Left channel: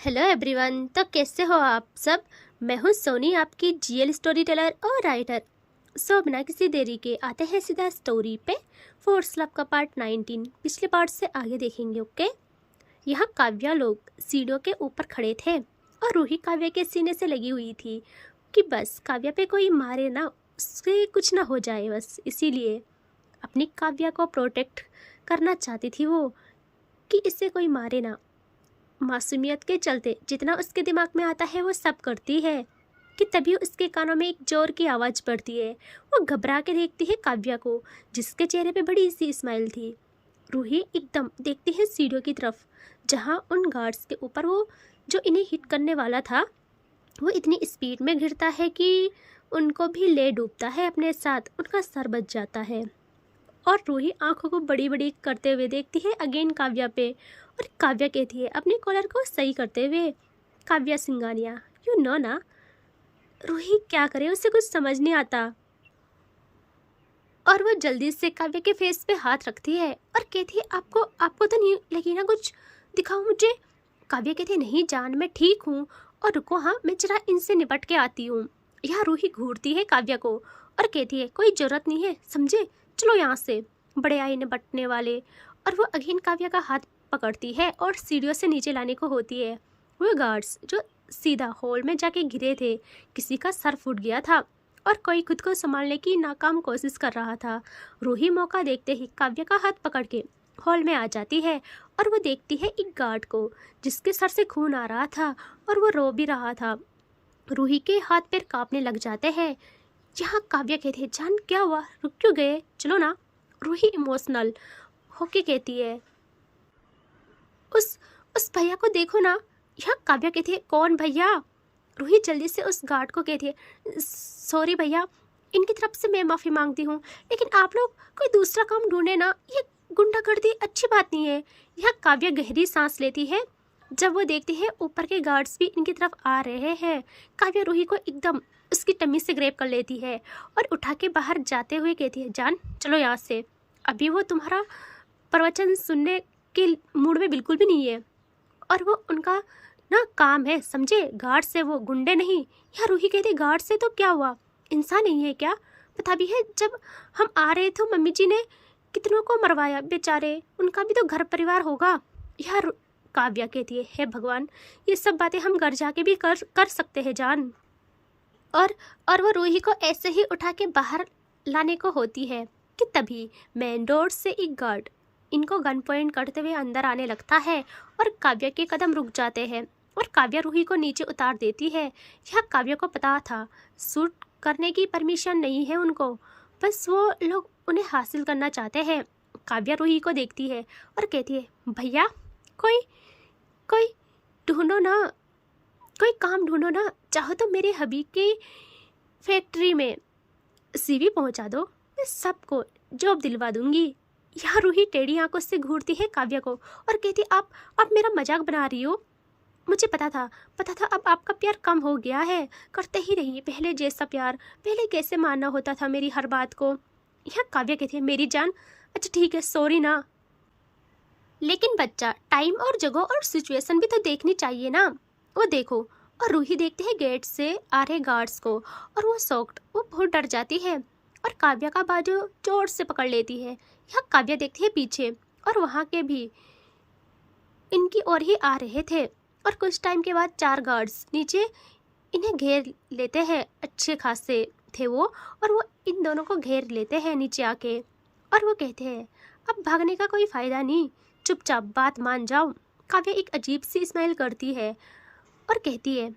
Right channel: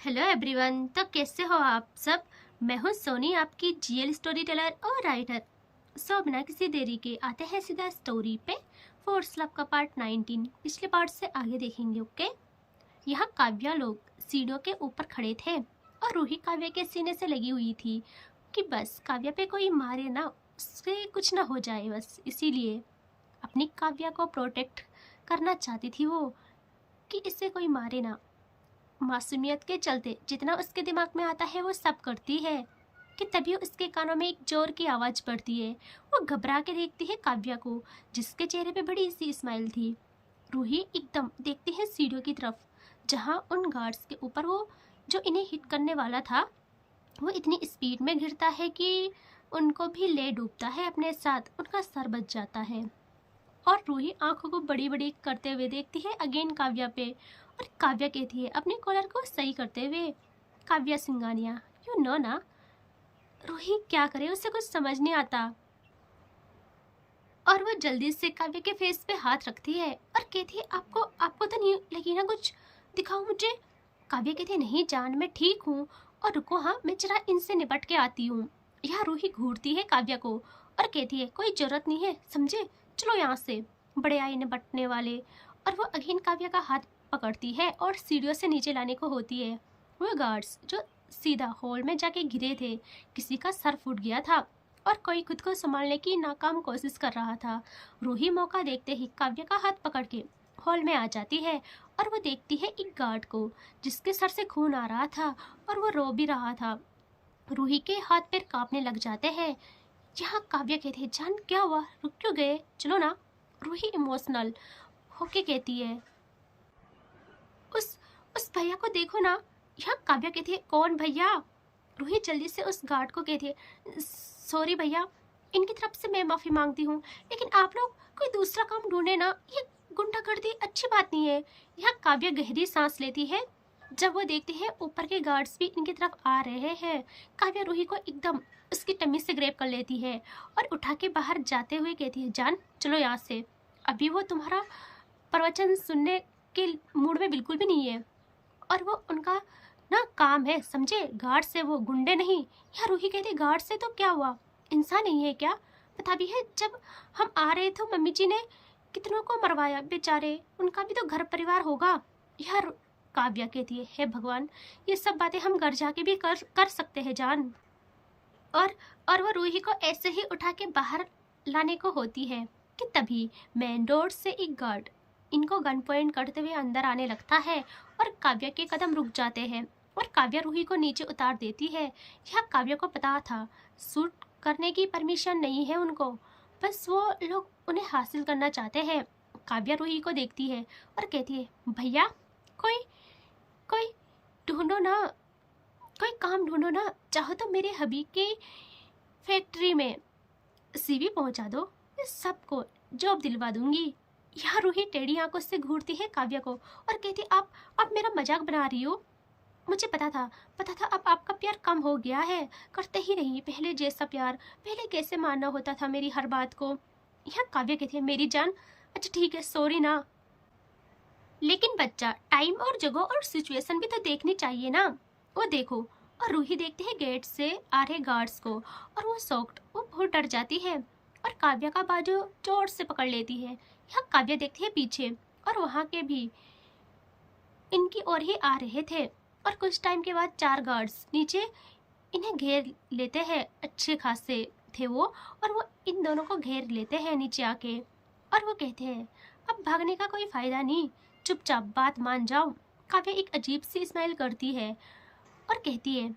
Hello everyone. तो कैसे हो आप सब। मैं हूँ सोनी, आपकी जीएल स्टोरी टेलर और राइटर। सो बिना किसी देरी के आते हैं सीधा स्टोरी पे। फोर्स लव का पार्ट 19 पिछले पार्ट से आगे देखेंगे। ओके। यहाँ काव्या लोग सीढ़ियों के ऊपर खड़े थे और रूही काव्या के सीने से लगी हुई थी कि बस काव्या पे कोई मारे ना, उससे कुछ ना हो जाए, बस इसीलिए अपनी काव्या को प्रोटेक्ट करना चाहती थी वो, कि इससे कोई मारे ना। मासूमियत के चलते जितना उसके दिमाग में आता है वो सब करती है कि तभी उसके कानों में एक जोर की आवाज़ पड़ती है। वो घबरा के देखती है काव्या को, जिसके चेहरे पे बड़ी सी स्माइल थी। रूही एकदम देखती है सीढ़ियों की तरफ, जहाँ उन गार्ड्स के ऊपर वो जो इन्हें हिट करने वाला था वो इतनी स्पीड में गिरता है कि उनको भी ले डूबता है अपने साथ, उनका सर बच जाता है। और रूही आंखों को बड़ी बड़ी करते हुए देखती है अगेन काव्या पे, और काव्या कहती है अपने कॉलर को सही करते हुए, काव्या सिंगानिया यू नो ना। रूही क्या करे, उसे कुछ समझ नहीं आता और वो जल्दी से काव्या के फेस पे हाथ रखती है और कहती है आपको आपको तो नहीं लगी ना कुछ, दिखाओ मुझे। काव्या कहती है नहीं जान, मैं ठीक हूँ, और रुको हाँ मैं जरा इनसे निपट के आती हूँ। यहाँ रूही घूरती है काव्या को और कहती है कोई जरूरत नहीं है समझे, चलो यहाँ से, बड़े आए निपटने वाले। और वो अगेन काव्या का हाथ पकड़ती है और सीढ़ियों से नीचे लाने को होती है। वो गार्ड्स जो सीधा हॉल में जाके गिरे थे, किसी का सर फूट गया था और कोई खुद को संभालने की नाकाम कोशिश कर रहा था। रूही मौका देखते ही काव्या का हाथ पकड़ के हॉल में आ जाती है और वो देखती है एक गार्ड को, जिसके सर से खून आ रहा था और वो रो भी रहा था। रूही के हाथ पैर कांपने लग जाते हैं। यहाँ काव्या कहती है जान क्या हुआ, रुक क्यों गए, चलो ना। रूही इमोशनल होके कहती है उस उस भैया को देखो ना। यहाँ काव्या कहती है कौन भैया। रूही जल्दी से उस गार्ड को कहती है सॉरी भैया, इनकी तरफ से मैं माफ़ी मांगती हूँ, लेकिन आप लोग कोई दूसरा काम ढूंढे ना, ये गुंडागर्दी अच्छी बात नहीं है। यहाँ काव्या गहरी सांस लेती है जब वो देखती है ऊपर के गार्ड्स भी इनकी तरफ आ रहे हैं। काव्या रूही को एकदम उसकी टम्मी से ग्रैब कर लेती है और उठा के बाहर जाते हुए कहती है जान चलो यहाँ से, अभी वो तुम्हारा प्रवचन सुनने के मूड में बिल्कुल भी नहीं है और वो उनका ना काम है समझे, गार्ड से, वो गुंडे नहीं। यार रूही कहती गार्ड से तो क्या हुआ, इंसान नहीं है क्या, पता भी है जब हम आ रहे थे मम्मी जी ने कितनों को मरवाया, बेचारे उनका भी तो घर परिवार होगा। यार काव्या कहती है हे भगवान, ये सब बातें हम घर जाके भी कर सकते हैं जान। और वो रूही को ऐसे ही उठा के बाहर लाने को होती है कि तभी मेन डोर से एक गार्ड इनको गन पॉइंट करते हुए अंदर आने लगता है और काव्या के कदम रुक जाते हैं और काव्या रूही को नीचे उतार देती है। यह काव्या को पता था शूट करने की परमिशन नहीं है उनको, बस वो लोग उन्हें हासिल करना चाहते हैं। काव्या रूही को देखती है और कहती है भैया कोई कोई ढूंढो ना, कोई काम ढूंढो ना, चाहो तो मेरे हबी के फैक्ट्री में सीवी पहुंचा दो, मैं सबको जॉब दिलवा दूंगी। यहाँ रूही टेढ़ी आंखों से घूरती है काव्या को और कहती आप मेरा मजाक बना रही हो, मुझे पता था अब आपका प्यार कम हो गया है, करते ही रहिए पहले जैसा प्यार, पहले कैसे मानना होता था मेरी हर बात को। यहाँ काव्या कहती है मेरी जान अच्छा ठीक है सॉरी ना, लेकिन बच्चा टाइम और जगह और सिचुएशन भी तो देखनी चाहिए ना। वो देखो, और रूही देखती है गेट से आ रहे गार्ड्स को और वो शॉक्ड, वो बहुत डर जाती है और काव्या का बाजू जोर से पकड़ लेती है। यहाँ काव्या देखती है पीछे और वहाँ के भी इनकी ओर ही आ रहे थे और कुछ टाइम के बाद 4 गार्ड्स नीचे इन्हें घेर लेते हैं, अच्छे खासे थे वो, और वो इन दोनों को घेर लेते हैं नीचे आके और वो कहते हैं अब भागने का कोई फायदा नहीं, चुपचाप बात मान जाओ। काव्या एक अजीब सी स्माइल करती है और कहती है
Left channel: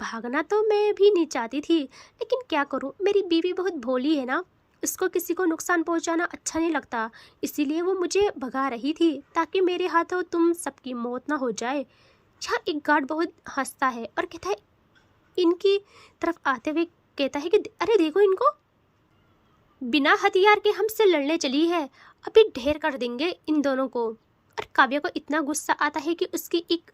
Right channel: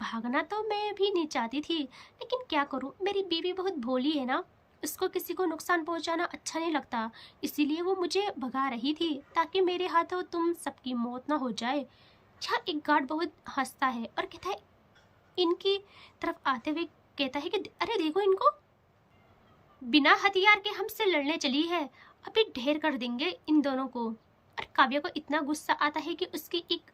भागना तो मैं भी नहीं चाहती थी, लेकिन क्या करूं, मेरी बीवी बहुत भोली है ना, इसको किसी को नुकसान पहुंचाना अच्छा नहीं लगता, इसीलिए वो मुझे भगा रही थी ताकि मेरे हाथों तुम सबकी मौत ना हो जाए। यहाँ एक गार्ड बहुत हंसता है और कहता है इनकी तरफ आते हुए कहता है कि अरे देखो इनको, बिना हथियार के हमसे लड़ने चली है, अभी ढेर कर देंगे इन दोनों को। और काव्या को इतना गुस्सा आता है कि उसकी एक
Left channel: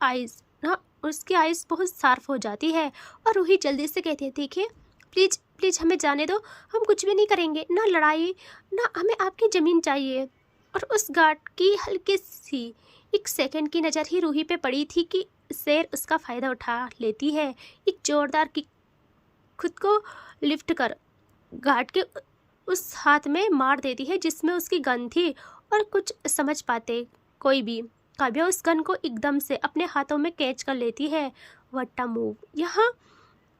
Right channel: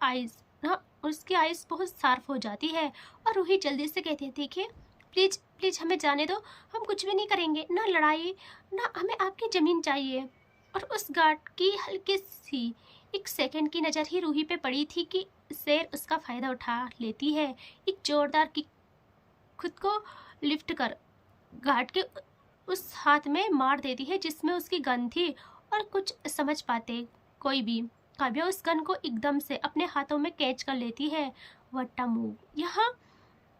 आइज ना, उसकी आइज बहुत शार्प हो जाती है और रूही जल्दी से कहती है देखिए प्लीज प्लीज हमें जाने दो, हम कुछ भी नहीं करेंगे, ना लड़ाई ना हमें आपकी ज़मीन चाहिए। और उस गार्ड की हल्की सी एक सेकंड की नज़र ही रूही पे पड़ी थी कि शेर उसका फ़ायदा उठा लेती है। एक जोरदार किक खुद को लिफ्ट कर गार्ड के उस हाथ में मार देती है जिसमें उसकी गन थी। और कुछ समझ पाते कोई भी, काव्या उस गन को एकदम से अपने हाथों में कैच कर लेती है। वट्टा मूव। यहाँ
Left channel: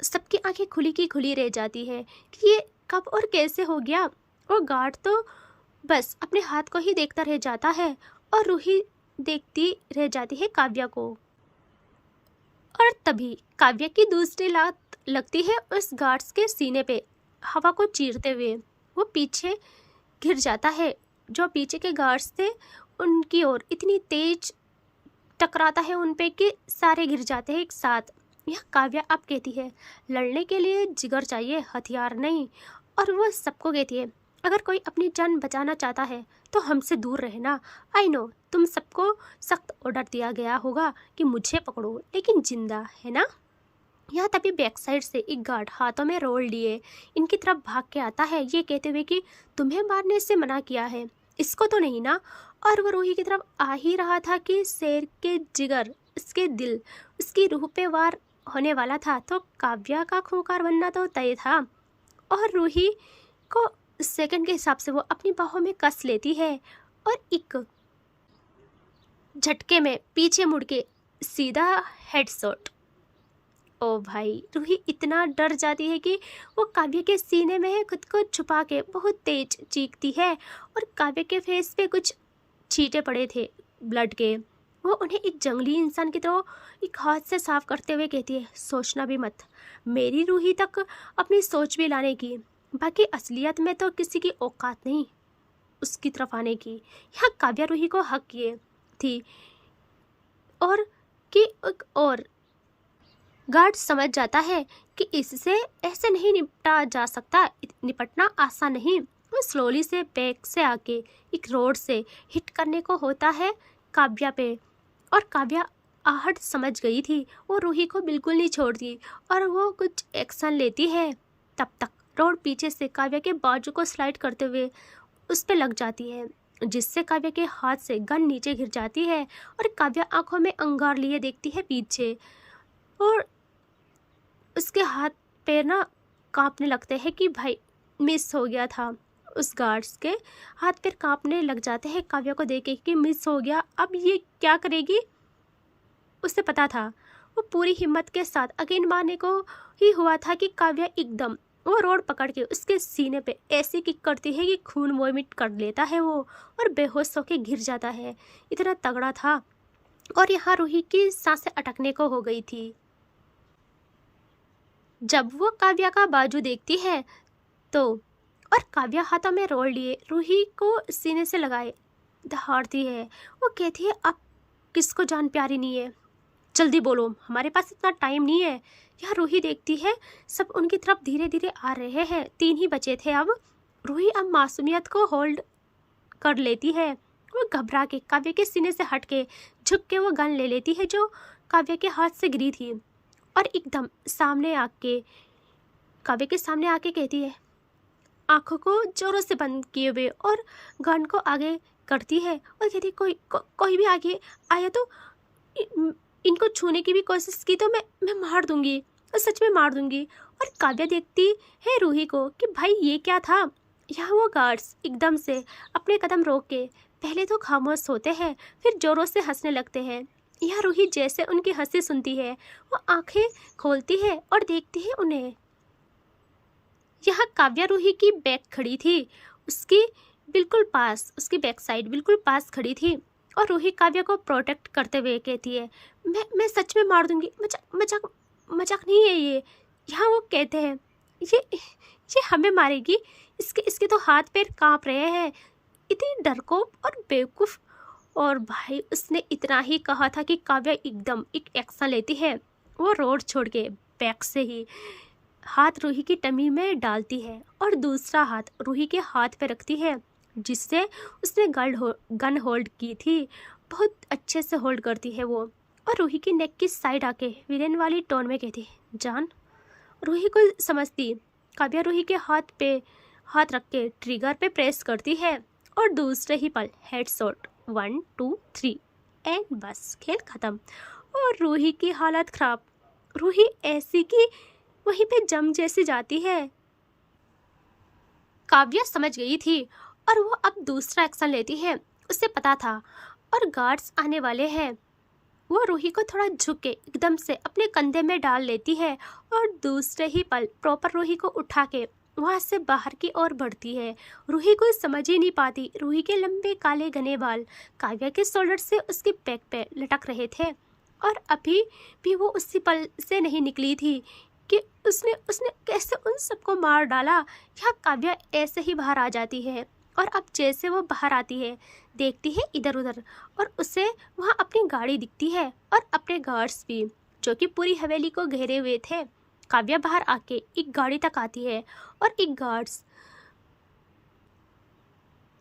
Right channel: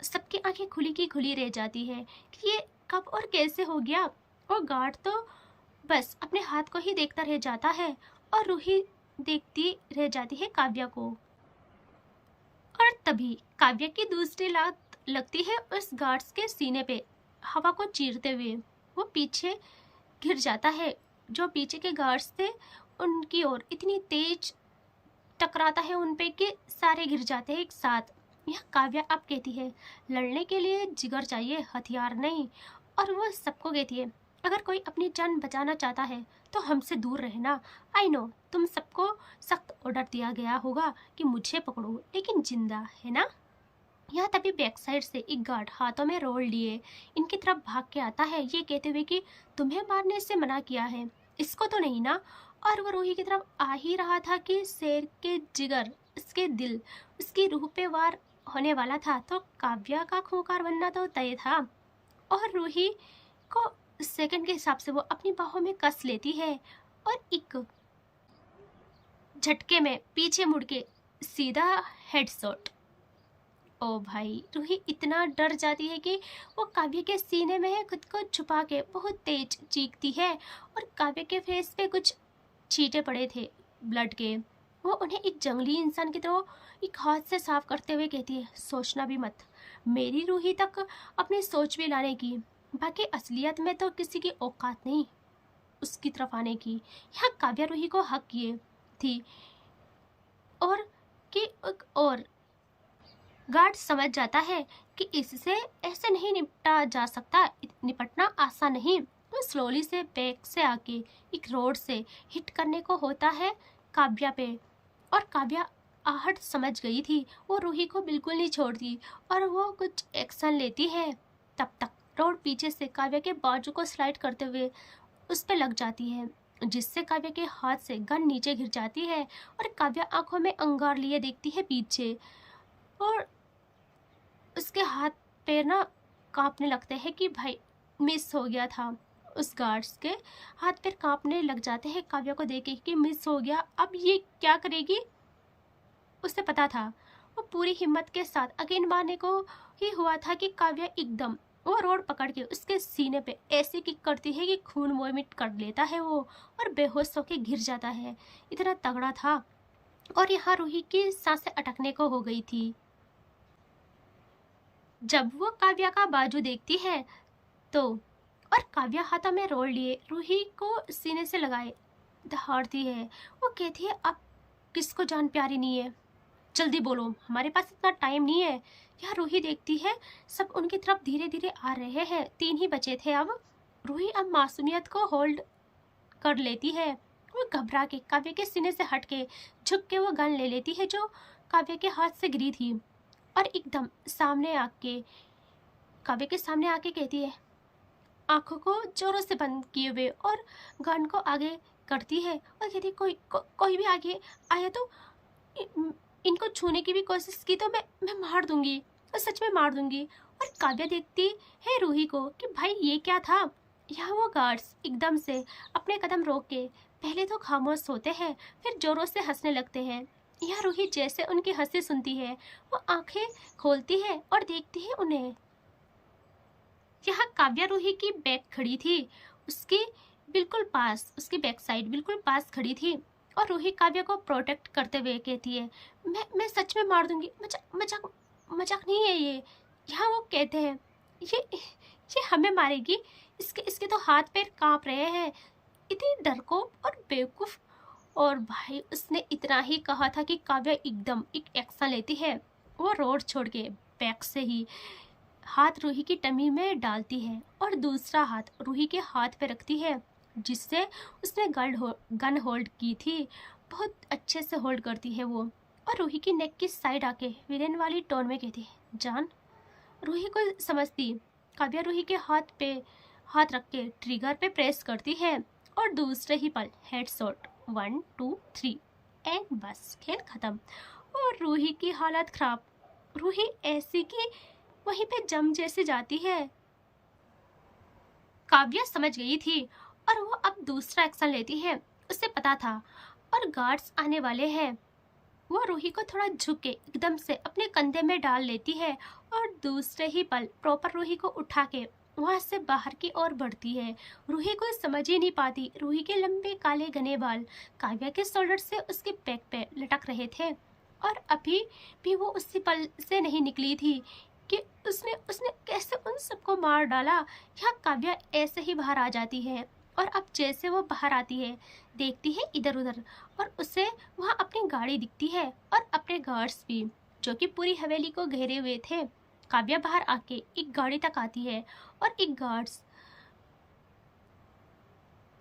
सबकी आंखें खुली की खुली रह जाती है कि ये कब और कैसे हो गया। और गार्ड तो बस अपने हाथ को ही देखता रह जाता है और रूही देखती रह जाती है काव्या को। और तभी काव्या की दूसरी लात लगती है उस गार्ड्स के सीने पे, हवा को चीरते हुए। वो पीछे गिर जाता है। जो पीछे के गार्ड्स थे उनकी ओर इतनी तेज टकराता है उन पे कि सारे गिर जाते हैं एक साथ। यह काव्या अब कहती है, लड़ने के लिए जिगर चाहिए, हथियार नहीं। और वो सबको कहती है, अगर कोई अपनी जान बचाना चाहता है तो हमसे दूर रहना। आई नो तुम सबको सख्त ऑर्डर दिया गया होगा कि मुझे पकड़ो, लेकिन जिंदा है ना। यहाँ तभी बैक साइड से एक गार्ड हाथों में रोल लिए इनकी तरफ भाग के आता है, ये कहते हुए कि तुम्हें मारने से मना किया है, इसको तो नहीं ना। और वो रूही की तरफ आ ही रहा था कि शेर के जिगर, इसके दिल, उसकी रूह पे वार होने वाला था। तो काव्या का खूंखार बनना तो तय था। और रूही को सेकंड के हिसाब से वो अपनी बाहों में कस लेती है और एक झटके में पीछे मुड़ के सीधा हेडशॉट। ओ भाई, रूही इतना डर जाती है कि वो काव्य के सीने में खुद को छुपा के बहुत तेज चीखती है। और काव्य के फेस पे कुछ छींटे पड़े थे ब्लड के। वो उन्हें एक जंगली इंसान की तरह एक हाथ से साफ करते हुए कहती है, सोचना भी मत मेरी रूही तक अपनी सोच भी लाने की, बाकी असलियत में तो किसी की औकात नहीं उसकी तरफ आने की। यहाँ काव्या रूही को हक किए थी और कि और गार्ड समझ जाता है कि इससे ऐसे नहीं निपटा जा सकता, निपटना आसान नहीं। वो स्लोली से बैक से आके एक रोड से हिट करने को होता है काव्या पे। और काव्या आहट समझ गई थी, वो रूही को बिल्कुल नहीं छोड़ती और वो कुछ एक्शन लेती है। तब तक रोड पीछे से काव्या के बाजू को स्लाइड करते हुए उस पर लग जाती है, जिससे काव्या के हाथ से गन नीचे गिर जाती है। और काव्या आंखों में अंगार लिए देखती है पीछे, और उसके हाथ पैर ना कांपने लगते हैं कि भाई मिस हो गया था। उस गार्ड्स के हाथ पैर कांपने लग जाते हैं काव्या को देख के कि मिस हो गया, अब ये क्या करेगी। उसे पता था, वो पूरी हिम्मत के साथ अगेन मारने को ही हुआ था कि काव्या एकदम वो रोड पकड़ के उसके सीने पे ऐसी किक करती है कि खून वॉमिट कर लेता है वो और बेहोश होके गिर जाता है। इतना तगड़ा था। और यहाँ रूही की सांसें अटकने को हो गई थी। जब वो काव्या का बाजू देखती है तो, और काव्या हाथों में रोल लिए रूही को सीने से लगाए दहाड़ती है। वो कहती है, अब किसको जान प्यारी नहीं है, जल्दी बोलो, हमारे पास इतना टाइम नहीं है। यह रूही देखती है सब उनकी तरफ धीरे धीरे आ रहे हैं, 3 ही बचे थे अब। रूही अब मासूमियत को होल्ड कर लेती है। वो घबरा के काव्य के सीने से हट के झुक के वो गन ले लेती है जो काव्य के हाथ से गिरी थी। और एकदम सामने आके काव्य के सामने आके कहती है, आंखों को जोरों से बंद किए हुए, और गन को आगे करती है और कहती है, कोई भी आगे आया तो इनको छूने की भी कोशिश की तो मैं मार दूंगी, और सच में मार दूंगी। और काव्या देखती है रूही को कि भाई ये क्या था। यहाँ वो गार्ड्स एकदम से अपने कदम रोक के पहले तो खामोश होते हैं, फिर जोरों से हंसने लगते हैं। यह रूही जैसे उनकी हंसी सुनती है वो आंखें खोलती है और देखती है उन्हें। यहाँ काव्या रूही की बैक खड़ी थी, उसकी बिल्कुल पास, उसकी बैक साइड बिल्कुल पास खड़ी थी। और रूही काव्या को प्रोटेक्ट करते हुए कहती है, मैं सच में मार दूंगी, मजाक मजाक नहीं है ये। यहाँ वो कहते हैं, ये हमें मारेगी, इसके तो हाथ पैर कांप रहे हैं, इतनी डरपोक और बेवकूफ़। और भाई उसने इतना ही कहा था कि काव्या एकदम एक एक्शन लेती है। वो रोड छोड़ के बैक से ही हाथ रूही की टमी में डालती है और दूसरा हाथ रूही के हाथ पे रखती है, जिससे उसने गन होल्ड की थी। बहुत अच्छे से होल्ड करती है वो, और रूही की नेक की साइड आके विलेन वाली टोन में कहती है, जान। रूही को समझती काव्या रूही के हाथ पे हाथ रख के ट्रिगर पे प्रेस करती है और दूसरे ही पल हेडशॉट 1 2 3 एंड बस खेल ख़त्म। और रूही की हालत ख़राब। रूही ऐसी कि वहीं पे जम जैसी जाती है। काव्या समझ गई थी और वो अब दूसरा एक्शन लेती है। उसे पता था और गार्ड्स आने वाले हैं। वो रूही को थोड़ा झुक के एकदम से अपने कंधे में डाल लेती है और दूसरे ही पल प्रॉपर रूही को उठा के वहां से बाहर की ओर बढ़ती है। रूही को समझ ही नहीं पाती। रूही के लंबे काले घने बाल काव्या के शोल्डर से उसके पैक पे लटक रहे थे और अभी भी वो उसी पल से नहीं निकली थी कि उसने उसने कैसे उन सबको मार डाला। यहाँ काव्या ऐसे ही बाहर आ जाती है और अब जैसे वो बाहर आती है देखती है इधर उधर और उसे वहाँ अपनी गाड़ी दिखती है और अपने गार्ड्स भी जो कि पूरी हवेली को घेरे हुए थे। काव्या बाहर आके एक गाड़ी तक आती है और एक गार्ड्स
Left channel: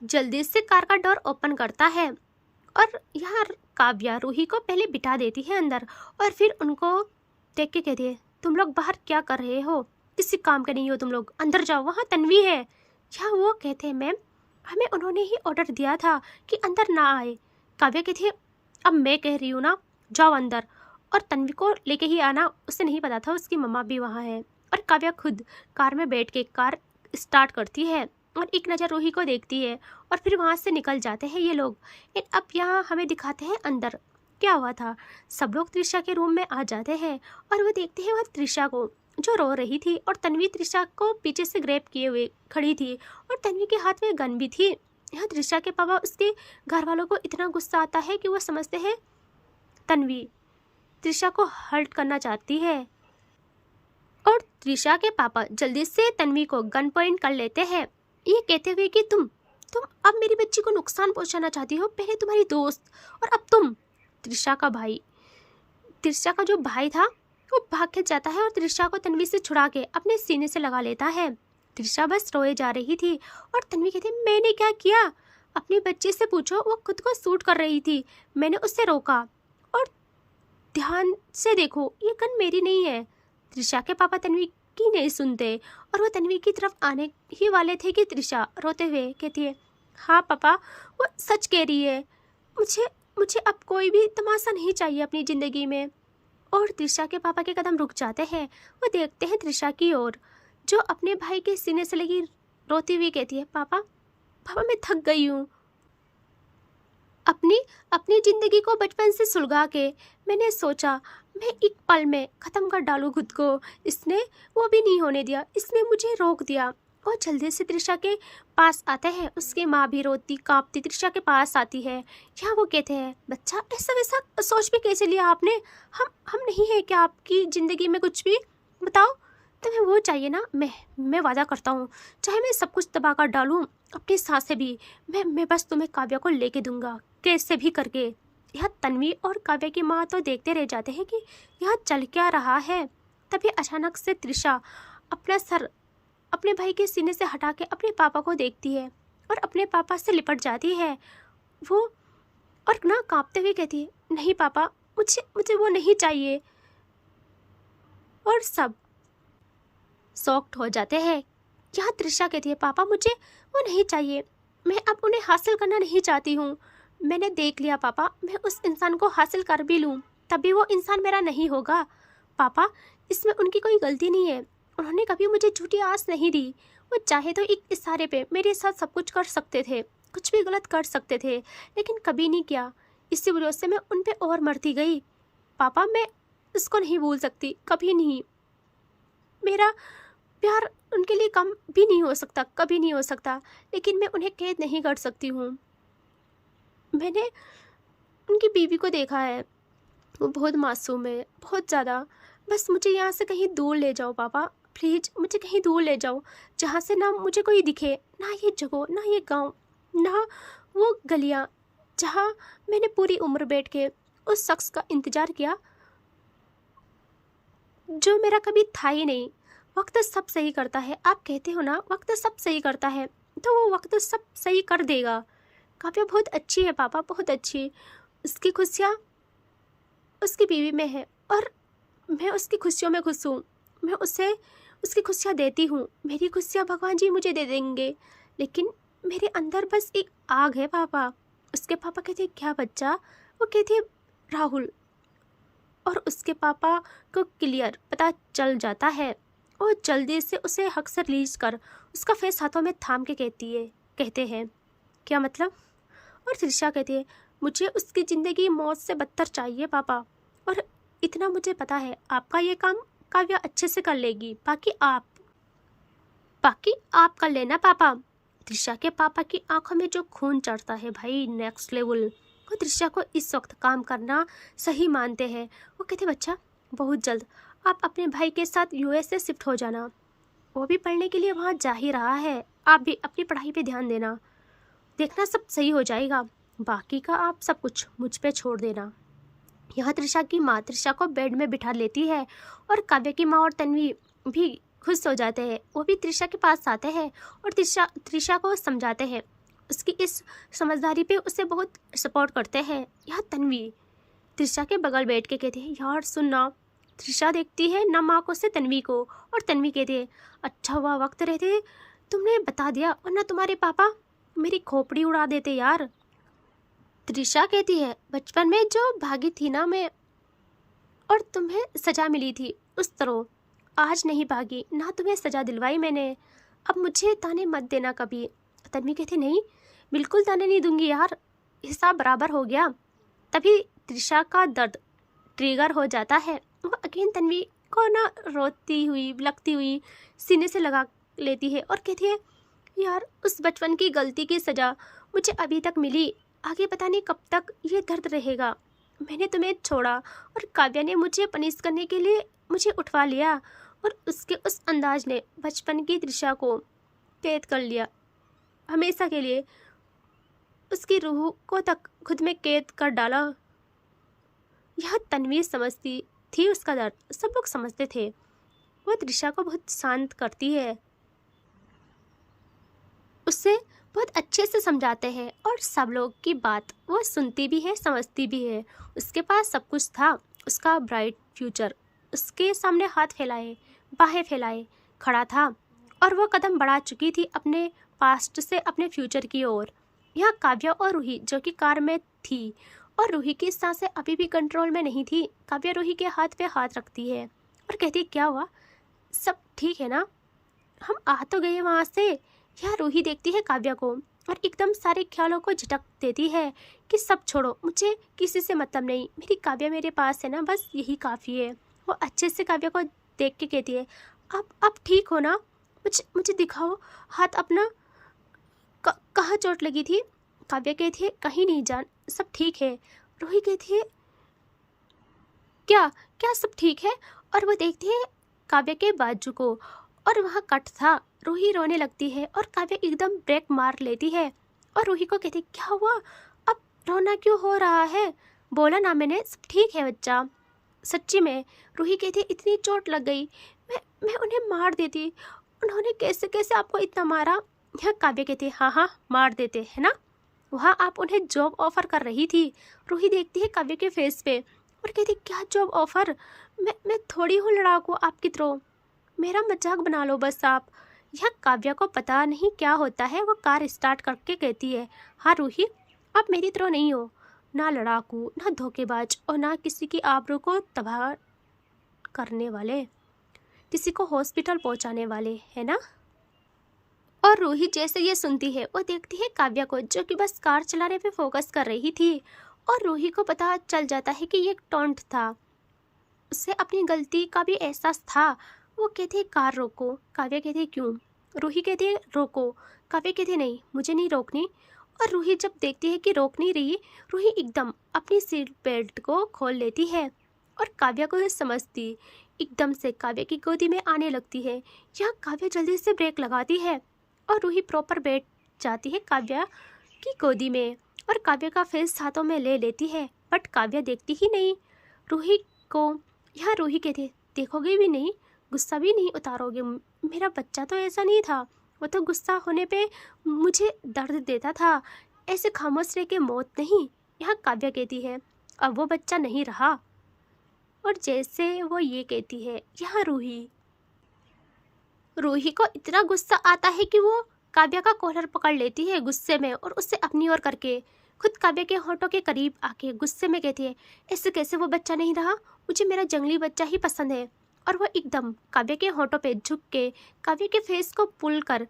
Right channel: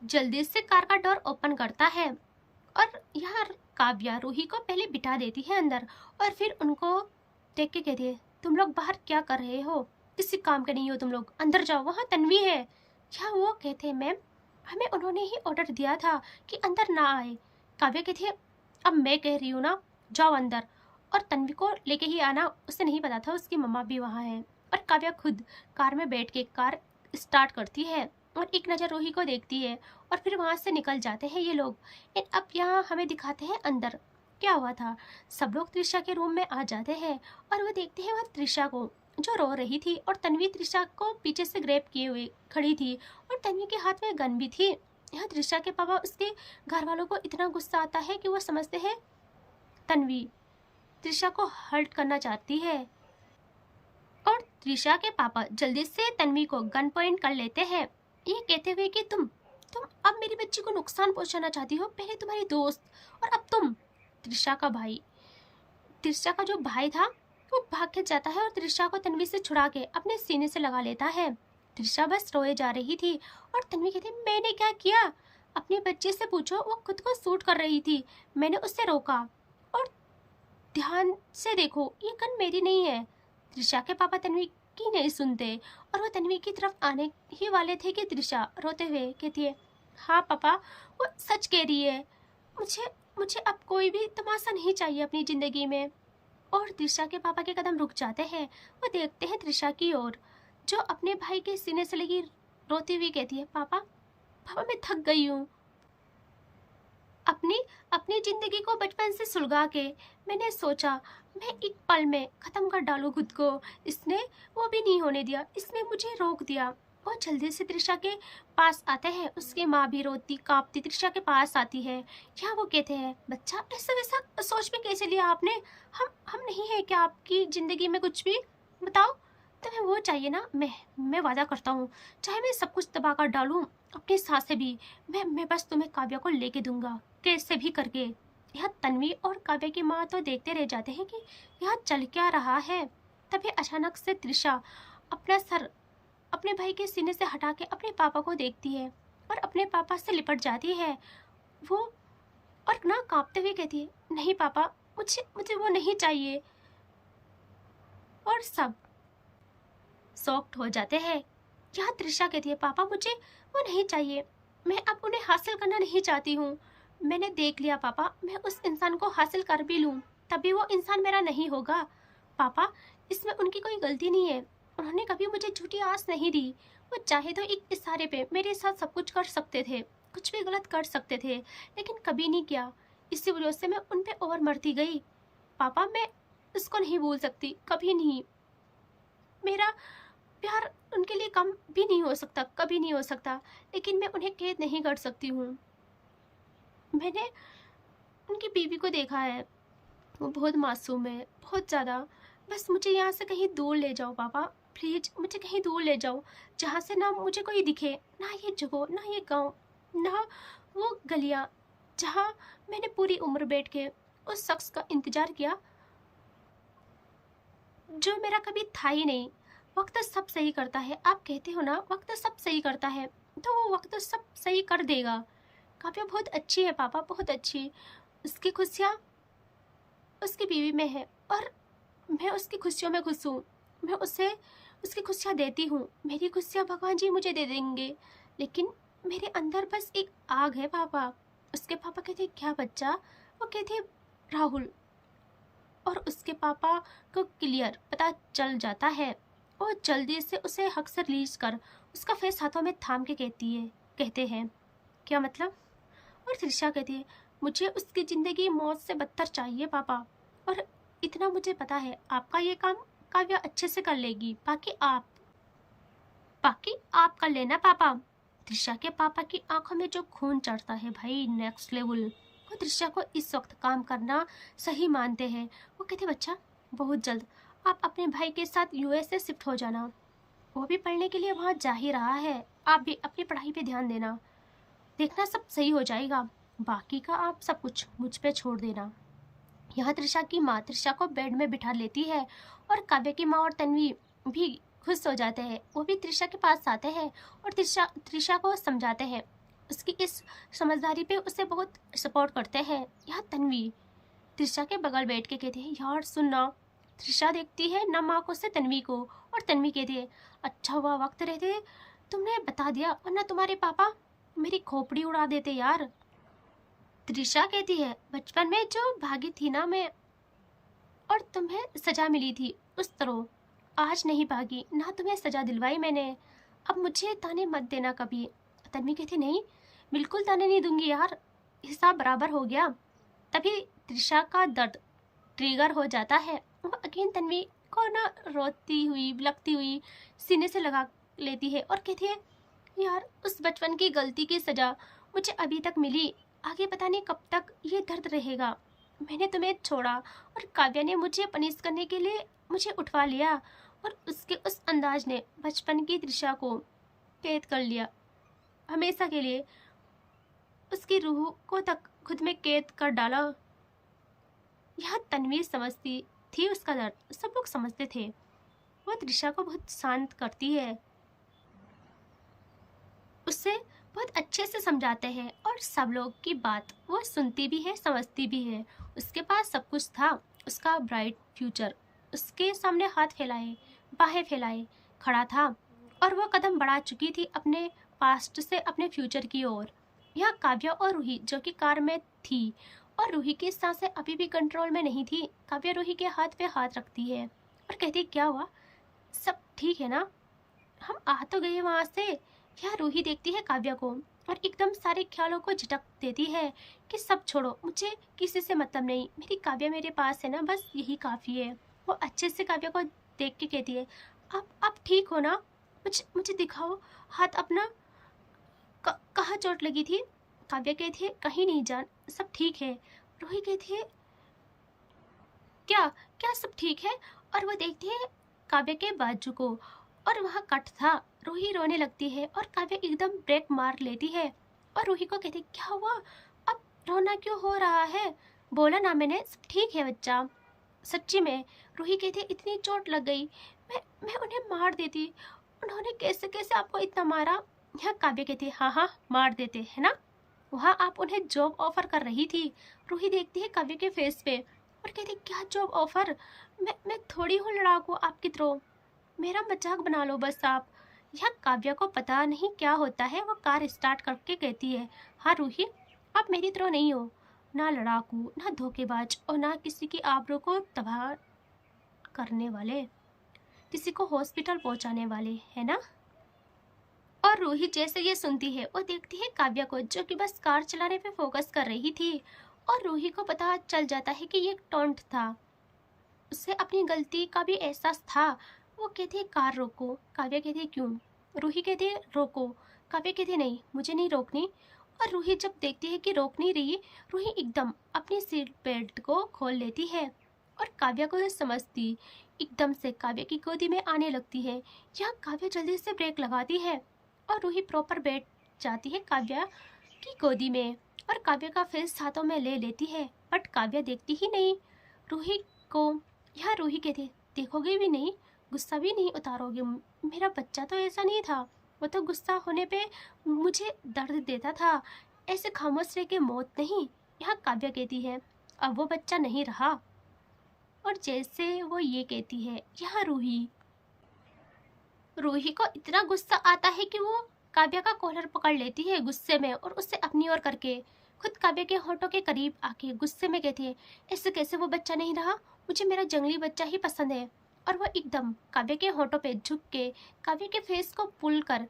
जल्दी से कार का डोर ओपन करता है और यहाँ काव्या रूही को पहले बिठा देती है अंदर और फिर उनको देख के कहती है, तुम लोग बाहर क्या कर रहे हो? किसी काम के नहीं हो तुम लोग, अंदर जाओ, वहाँ तन्वी है। यहाँ वो कहते हैं, मैम हमें उन्होंने ही ऑर्डर दिया था कि अंदर ना आए। काव्या कहती है, अब मैं कह रही हूँ ना, जाओ अंदर। और तन्वी को लेके ही आना, उसे नहीं पता था उसकी मम्मा भी वहाँ है। और काव्या खुद कार में बैठ के कार स्टार्ट करती है और एक नज़र रूही को देखती है और फिर वहाँ से निकल जाते हैं ये लोग। अब यहाँ हमें दिखाते हैं अंदर क्या हुआ था। सब लोग त्रिशा के रूम में आ जाते हैं और वो देखते हैं वह त्रिशा को जो रो रही थी और तन्वी त्रिशा को पीछे से ग्रैब किए हुए खड़ी थी और तन्वी के हाथ में गन भी थी। यहाँ त्रिशा के पापा उसके घर वालों को इतना गुस्सा आता है कि वो समझते हैं तन्वी त्रिशा को हर्ट करना चाहती है और त्रिशा के पापा जल्दी से तन्वी को गन पॉइंट कर लेते हैं, ये कहते हुए कि तुम अब मेरी बच्ची को नुकसान पहुंचाना चाहती हो। पहले तुम्हारी दोस्त और अब तुम। त्रिशा का जो भाई था वो भाग के जाता है और त्रिशा को तन्वी से छुड़ा के अपने सीने से लगा लेता है। त्रिशा बस रोए जा रही थी और तन्वी कहती, मैंने क्या किया? अपने बच्चे से पूछो, वो खुद को शूट कर रही थी, मैंने उससे रोका। और ध्यान से देखो, ये गन मेरी नहीं है। त्रिशा के पापा तन्वी की नहीं सुनते और वो तन्वी की तरफ आने ही वाले थे कि त्रिशा रोते हुए कहती है, हाँ पापा वो सच कह रही है, मुझे अब कोई भी तमाशा नहीं चाहिए अपनी ज़िंदगी में। और त्रिशा के पापा के कदम रुक जाते हैं। वो देखते हैं त्रिशा की ओर जो अपने भाई के सीने से लगी रोती हुई कहती है, पापा मैं थक गई हूँ। अपनी ज़िंदगी को बचपन से सुलगा के मैंने सोचा मैं एक पल में ख़त्म कर डालूँ खुद को। इसने वो भी नहीं होने दिया, इसने मुझे रोक दिया। और जल्दी से त्रिशा के पास आता है। उसकी माँ भी रोती कांपती त्रिशा के पास आती है। यहाँ वो कहते हैं, बच्चा ऐसा वैसा सोच भी कैसे लिया आपने? हम नहीं है क्या आपकी ज़िंदगी में कुछ भी? बताओ, तुम्हें वो चाहिए ना? मैं वादा करता हूँ, चाहे मैं सब कुछ तबाह कर डालूँ, अपनी सांसें भी, मैं बस तुम्हें काव्या को लेके दूंगा कैसे भी करके। यह तन्वी और काव्या की माँ तो देखते रह जाते हैं कि यह चल क्या रहा है। तभी अचानक से त्रिशा अपना सर अपने भाई के सीने से हटा के अपने पापा को देखती है और अपने पापा से लिपट जाती है वो, और ना कांपते हुए कहती है, नहीं पापा, मुझे वो नहीं चाहिए। और सब शॉक्ड हो जाते हैं। यहाँ त्रिशा कहती है, पापा मुझे वो नहीं चाहिए, मैं अब उन्हें हासिल करना नहीं चाहती हूँ। मैंने देख लिया पापा, मैं उस इंसान को हासिल कर भी लूँ तभी वो इंसान मेरा नहीं होगा। पापा इसमें उनकी कोई गलती नहीं है, उन्होंने कभी मुझे झूठी आस नहीं दी। वो चाहे तो एक इशारे पे मेरे साथ सब कुछ कर सकते थे, कुछ भी गलत कर सकते थे, लेकिन कभी नहीं किया। इसी वजह से मैं उन पे और मरती गई। पापा मैं इसको नहीं भूल सकती, कभी नहीं। मेरा प्यार उनके लिए कम भी नहीं हो सकता, कभी नहीं हो सकता, लेकिन मैं उन्हें कैद नहीं कर सकती हूँ। मैंने उनकी बीवी को देखा है, वो बहुत मासूम है, बहुत ज़्यादा। बस मुझे यहाँ से कहीं दूर ले जाओ पापा, प्लीज़ मुझे कहीं दूर ले जाओ, जहाँ से ना मुझे कोई दिखे, ना ये जगह, ना ये गांव, ना वो गलियाँ जहाँ मैंने पूरी उम्र बैठ के उस शख्स का इंतज़ार किया जो मेरा कभी था ही नहीं। वक्त सब सही करता है, आप कहते हो ना वक्त सब सही करता है, तो वो वक्त सब सही कर देगा। काव्या बहुत अच्छी है पापा, बहुत अच्छी। उसकी खुशियाँ उसकी बीवी में है और मैं उसकी खुशियों में खुश हूँ। मैं उसे उसकी खुशियाँ देती हूँ, मेरी खुशियाँ भगवान जी मुझे दे देंगे, लेकिन मेरे अंदर बस एक आग है पापा। उसके पापा कहते, क्या बच्चा, वो कहती है राहुल, और उसके पापा को क्लियर पता चल जाता है और जल्दी से उसे हक से रिलीज कर उसका फेस हाथों में थाम के कहते हैं क्या मतलब? और त्रिशा कहती है मुझे उसकी ज़िंदगी मौत से बदतर चाहिए पापा, और इतना मुझे पता है आपका ये काम काव्या अच्छे से कर लेगी, बाकी आप कर लेना पापा। त्रिशा के पापा की आंखों में जो खून चढ़ता है भाई नेक्स्ट लेवल। वो त्रिशा को इस वक्त काम करना सही मानते हैं। वो कहते बच्चा बहुत जल्द आप अपने भाई के साथ यूएस से शिफ्ट हो जाना, वो भी पढ़ने के लिए वहाँ जा ही रहा है, आप भी अपनी पढ़ाई पे ध्यान देना, देखना सब सही हो जाएगा, बाकी का आप सब कुछ मुझ पे छोड़ देना। यहाँ त्रिशा की माँ त्रिशा को बेड में बिठा लेती है और काव्या की माँ और तन्वी भी खुश हो जाते हैं। वो भी त्रिशा के पास आते हैं और त्रिशा को समझाते हैं, उसकी इस समझदारी पे उसे बहुत सपोर्ट करते हैं। यहाँ तन्वी त्रिशा के बगल बैठ के कहती है यार सुनना। त्रिशा देखती है ना माँ को से तन्वी को, और तन्वी कहती है अच्छा हुआ वक्त रहते तुमने बता दिया, वरना तुम्हारे पापा मेरी खोपड़ी उड़ा देते यार। त्रिशा कहती है बचपन में जो भागी थी ना मैं, और तुम्हें सजा मिली थी उस तरह, आज नहीं भागी ना तुम्हें सजा दिलवाई मैंने, अब मुझे ताने मत देना कभी। तन्वी कहती नहीं बिल्कुल ताने नहीं दूंगी यार, हिसाब बराबर हो गया। तभी त्रिशा का दर्द ट्रिगर हो जाता है, वो अगेन तन्वी को ना रोती हुई लगती हुई सीने से लगा लेती है और कहती है यार उस बचपन की गलती की सजा मुझे अभी तक मिली, आगे पता नहीं कब तक ये दर्द रहेगा। मैंने तुम्हें छोड़ा और काव्या ने मुझे पनिश करने के लिए मुझे उठवा लिया, और उसके उस अंदाज ने बचपन की त्रिशा को कैद कर लिया हमेशा के लिए, उसकी रूह को तक खुद में कैद कर डाला। यह तन्वी समझती थी उसका दर्द, सब लोग समझते थे। वो त्रिशा को बहुत शांत करती है, उससे बहुत अच्छे से समझाते हैं और सब लोग की बात वो सुनती भी है समझती भी है। उसके पास सब कुछ था, उसका ब्राइट फ्यूचर उसके सामने हाथ फैलाए बाहें फैलाए खड़ा था, और वो कदम बढ़ा चुकी थी अपने पास्ट से अपने फ्यूचर की ओर। यहाँ काव्या और रूही जो कि कार में थी, और रूही की सांसें अभी भी कंट्रोल में नहीं थी। काव्या रूही के हाथ पे हाथ रखती है और कहती क्या हुआ, सब ठीक है ना, हम आ तो गए वहाँ से। यह रूही देखती है काव्या को और एकदम सारे ख्यालों को झटक देती है कि सब छोड़ो, मुझे किसी से मतलब नहीं, मेरी काव्या मेरे पास है ना, बस यही काफ़ी है। वो अच्छे से काव्या को देख के कहती है आप ठीक हो ना, मुझे दिखाओ हाथ अपना, कहाँ चोट लगी थी? काव्या कहती है कहीं नहीं जान, सब ठीक है। रूही कहती है क्या क्या सब ठीक है? और वो देखती है काव्या के बाजू को और वहाँ कट था। रूही रोने लगती है और काव्या एकदम ब्रेक मार लेती है और रूही को कहती क्या हुआ, अब रोना क्यों हो रहा है, बोला ना मैंने सब ठीक है बच्चा। सच्ची में रूही कहती इतनी चोट लग गई, मैं उन्हें मार देती, उन्होंने कैसे कैसे आपको इतना मारा। यह काव्या कहती हाँ हाँ मार देते है ना, वहाँ आप उन्हें जॉब ऑफर कर रही थी। रूही देखती है काव्या के फेस पे और कहती क्या जॉब ऑफर, मैं थोड़ी हूँ लड़ाकू आपकी तरह, मेरा मजाक बना लो बस आप। यह काव्या को पता नहीं क्या होता है, वो कार स्टार्ट करके कहती है हाँ रूही आप मेरी तरह नहीं हो, ना लड़ाकू ना धोखेबाज और ना किसी की आबरू को तबाह करने वाले, किसी को हॉस्पिटल पहुंचाने वाले, है ना। और रूही जैसे ये सुनती है वो देखती है काव्या को जो कि बस कार चलाने पे फोकस कर रही थी, और रूही को पता चल जाता है कि ये एक टॉन्ट था, उसे अपनी गलती का भी एहसास था। वो कहती है कार रोको, काव्या कहती है क्यों, रूही कहती है रोको, काव्या कहती है नहीं मुझे नहीं रोकनी। और रूही जब देखती है कि रोक नहीं रही, रूही एकदम अपनी सीट बेल्ट को खोल लेती है और काव्या को समझती एकदम से काव्या की गोदी में आने लगती है। यहाँ काव्या जल्दी से ब्रेक लगाती है और रूही प्रॉपर बैठ जाती है काव्या की गोदी में और काव्या का फेस हाथों में ले लेती है, बट काव्या देखती ही नहीं रूही को। यहाँ रूही कहती देखोगे भी नहीं, गुस्सा भी नहीं उतारोगे, मेरा बच्चा तो ऐसा नहीं था, वो तो गुस्सा होने पे मुझे दर्द देता था, ऐसे खामोश रह के मौत नहीं। यहाँ काव्या कहती है अब वो बच्चा नहीं रहा, और जैसे वो ये कहती है यहाँ रूही को इतना गुस्सा आता है कि वो काव्या का कॉलर पकड़ लेती है गुस्से में और उससे अपनी ओर करके खुद काव्या के होठों के करीब आके गुस्से में कहती है, ऐसे कैसे वो बच्चा नहीं रहा, मुझे मेरा जंगली बच्चा ही पसंद है। और वो एकदम काव्या के होठों पे झुक के काव्या के फेस को पुल कर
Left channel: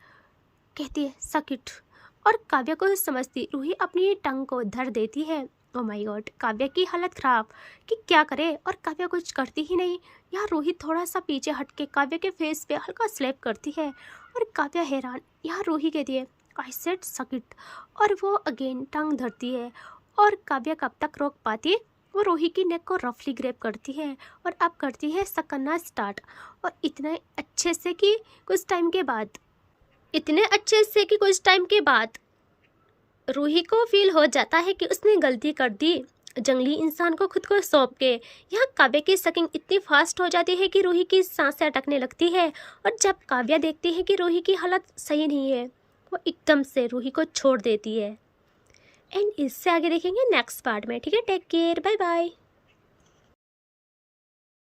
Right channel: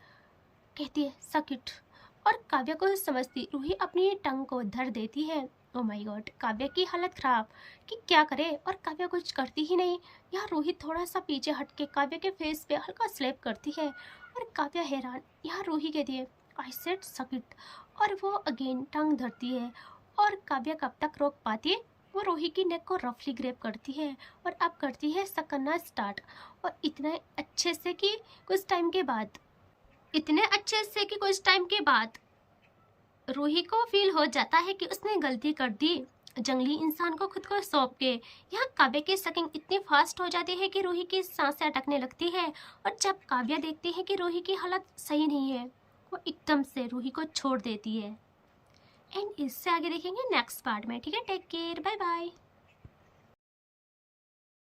कहती है, सकिट। और काव्या को समझती रूही अपनी टंग को धर देती है। ओ माय गॉड, काव्या की हालत खराब कि क्या करे, और काव्या कुछ करती ही नहीं। यहाँ रूही थोड़ा सा पीछे हट के काव्या के फेस पे हल्का स्लैप करती है और काव्या हैरान। यहाँ रूही कहती है, आई सेड सकिट, और वो अगेन टंग धरती है। और काव्या कब तक रोक पाती, वो रूही की नेक को रफली ग्रैब करती है और अब करती है सकना स्टार्ट। और इतने अच्छे से कि कुछ टाइम के बाद रूही को फील हो जाता है कि उसने गलती कर दी जंगली इंसान को खुद को सौंप के। यहाँ काव्या की सकिंग इतनी फास्ट हो जाती है कि रूही की सांसें अटकने लगती है। और जब काव्या देखती है कि रूही की हालत सही नहीं है, वो एकदम से रूही को छोड़ देती है। एंड इससे आगे देखेंगे नेक्स्ट पार्ट में। ठीक है, टेक केयर, बाय बाय।